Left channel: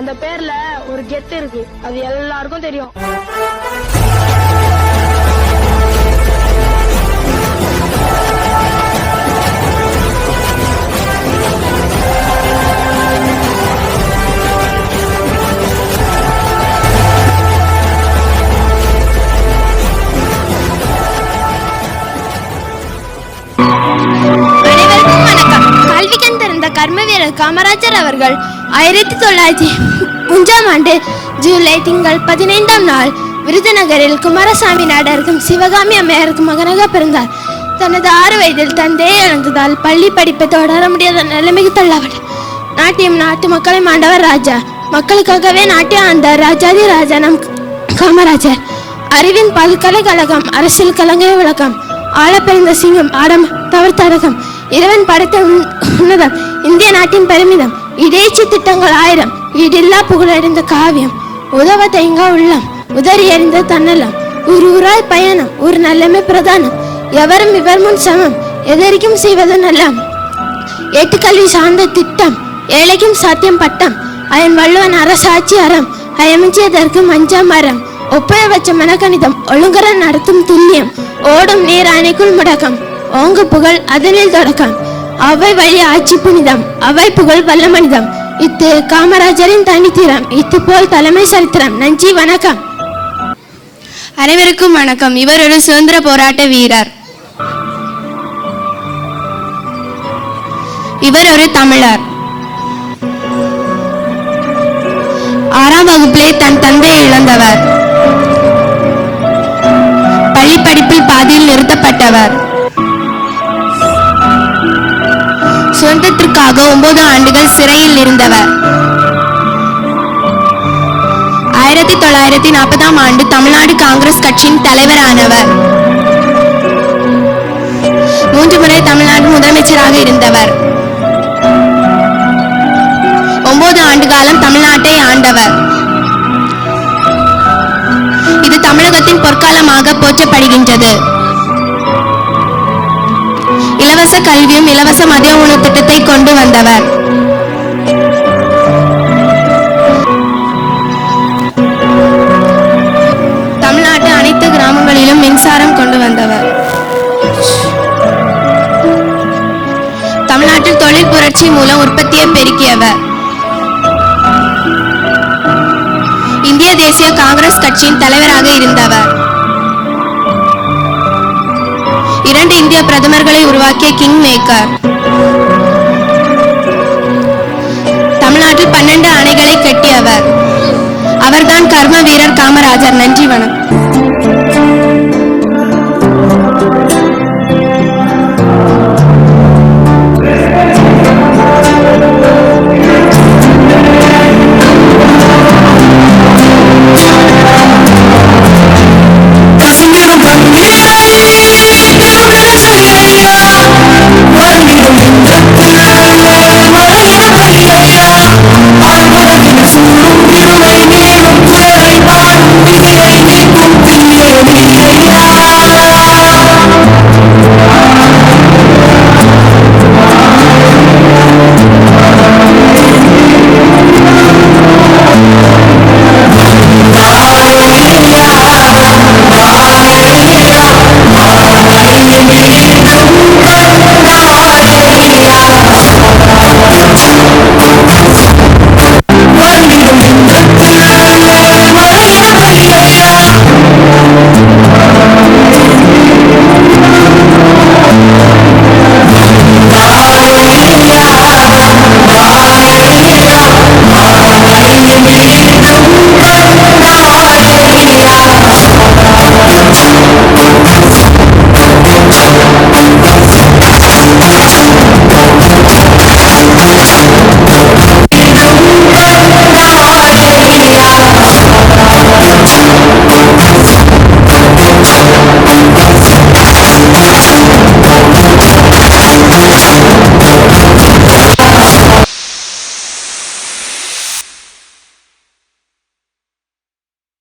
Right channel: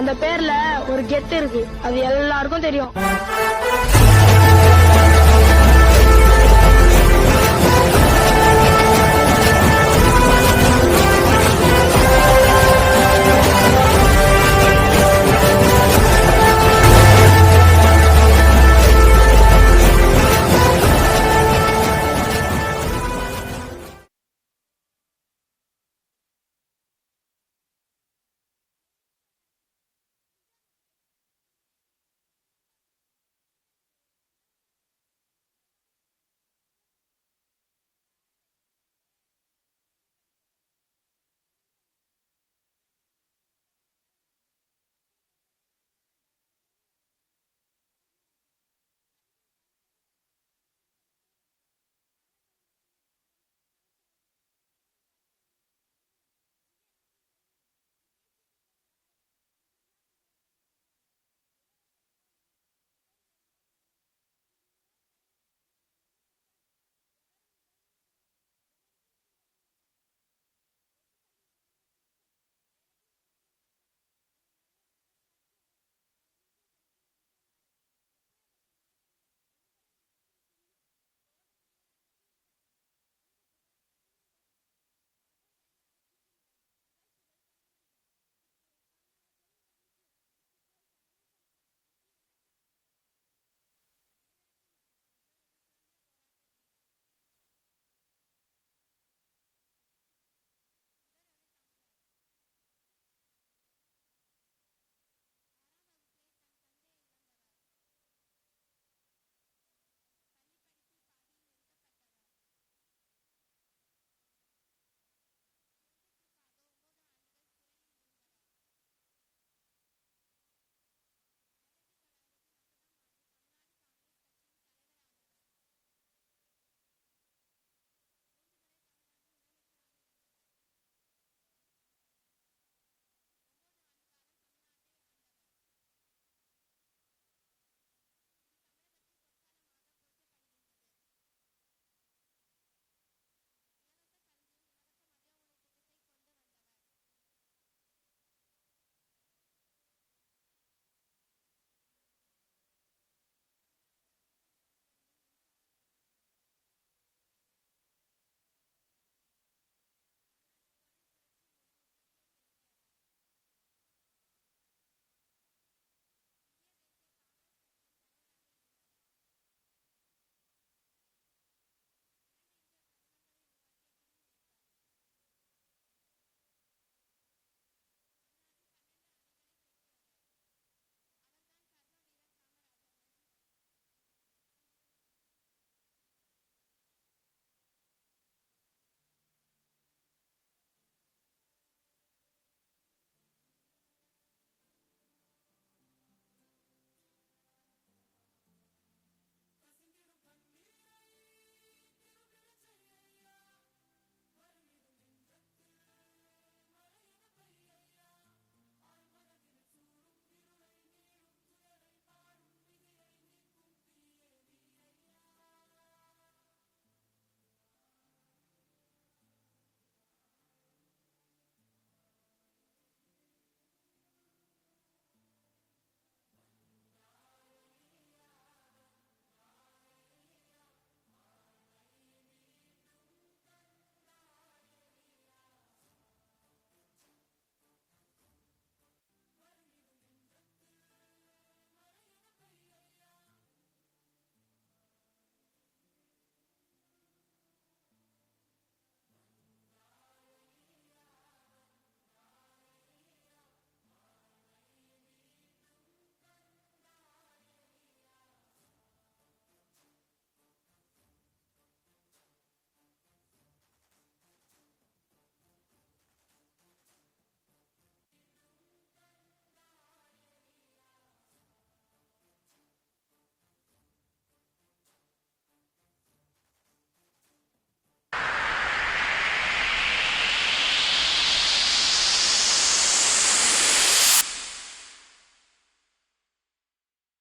அந்த பேர்ல ஒரு கெத்து இருக்கு, அது எல்லாருக்கும் தெரியும். கர்மவீரர் காமராஜர் அவர்கள் 1903 ஆண்டு ஜூலை திங்கள் 15ஆம் நாள் விருதுநகரில் குமாரசாமி நாடாருக்கும் சிவகாமி அம்மையாருக்கும் மகனாக பிறந்தார். தனது 6 வயதில் தந்தையை இழந்ததால் பள்ளி படிப்பை தொடர முடியாத நிலைமைக்கு தள்ளப்பட்டார். நாட்டியம் நாட்டு மக்களை ஆண்டவர் ராஜா, மக்களுக்காகவே நாட்டியம் ஆண்ட ராஜாதி ராஜா நம் காமராஜர். அறிவின் பல்கலைக்கழகம், அரசியல் கலங்கை விளக்கம், ஆழ பிறந்த சிங்கம், ஆடம் தவறுத்தரகம், இறைவன் படைத்த உன்னதம், இந்திய நாட்டின் பெருமிதம், இடைச்சி திட்டங்கள் 1000, ஈடில்லா புகழடைந்த காவியம், உதவ தேங்கா உள்ளம், உதறி எறிந்த தன்னலம், ஊராய் பயணம், ஒரு நல்லமை பிரதானம், எவரும் இவர் முன் சமம், எதற்கும் செய்வது நல்லம், ஏட்டுக்கல்வி சார்ந்த திட்டம், ஏழைக்கும் சாத்தியம் பட்டம், அயன் வள்ளுவன் அரசாட்சி அறம், அயமிச்சியதற்கு மஞ்சா மரம், ஒப்பய வச்ச மனக்கணிதம், ஒழுங்கர நடத்தும் துல்லியம், ஓடும் நீர் அணைக்குள் முடக்கம், ஓங்கு புகழ் அதனில் தொடக்கம், அவை வழி ஆட்சி புனிதம், அவை புகழ் வல்ல மனிதம், இத்து காமராஜரின் தனித்திறம், இத்து போல் தலைமை சரித்திரம். நன்றி, வணக்கம். அனைவருக்கும் வணக்கம். இவர் ஒரு சுதந்திர போராட்ட வீரர். இவர் ஒரு தமிழர். 6ஆம் வகுப்பிலே தன் தந்தையை இழந்தவர். பள்ளி படிப்பில் பாதியில் நிறுத்தப்பட்டவர். சுதந்திரத்திற்காக 9 ஆண்டுகள் சிறையில் இருந்தவர். 1940ஆம் ஆண்டு தமிழ்நாடு காங்கிரஸ் கட்சியின் தலைவரானவர். 3 முறை தமிழ்நாடு முதலமைச்சராக இருந்தவர். 9 ஆண்டு காலம் தமிழ்நாட்டை ஆண்டவர். இது தமிழகத்தின் பொற்காலமாக போற்றப்படுகின்றது. இலவச கல்வியும் இலவச மதிய உணவு திட்டத்தை கொண்டு வந்தவர். தமிழ்நாட்டு அனைத்து கிராமங்களிலும் மின்சாரம் கொண்டு வந்தவர். தமிழ்நாட்டில் தொழில் புரட்சி மூலம் உற்பத்தியை பெருக்கியவர். இந்திய தேசிய காங்கிரஸ் கட்சியின் தலைவராக இருந்தவர். 2 இந்திய பிரதமர்களை உருவாக்கிய கிங் மேக்கர். தமிழ்நாட்டில் 12 அணைகளை கட்டியவர். அவர்தான் கர்ம வீரர் காமராஜர். நன்றி, வணக்கம்.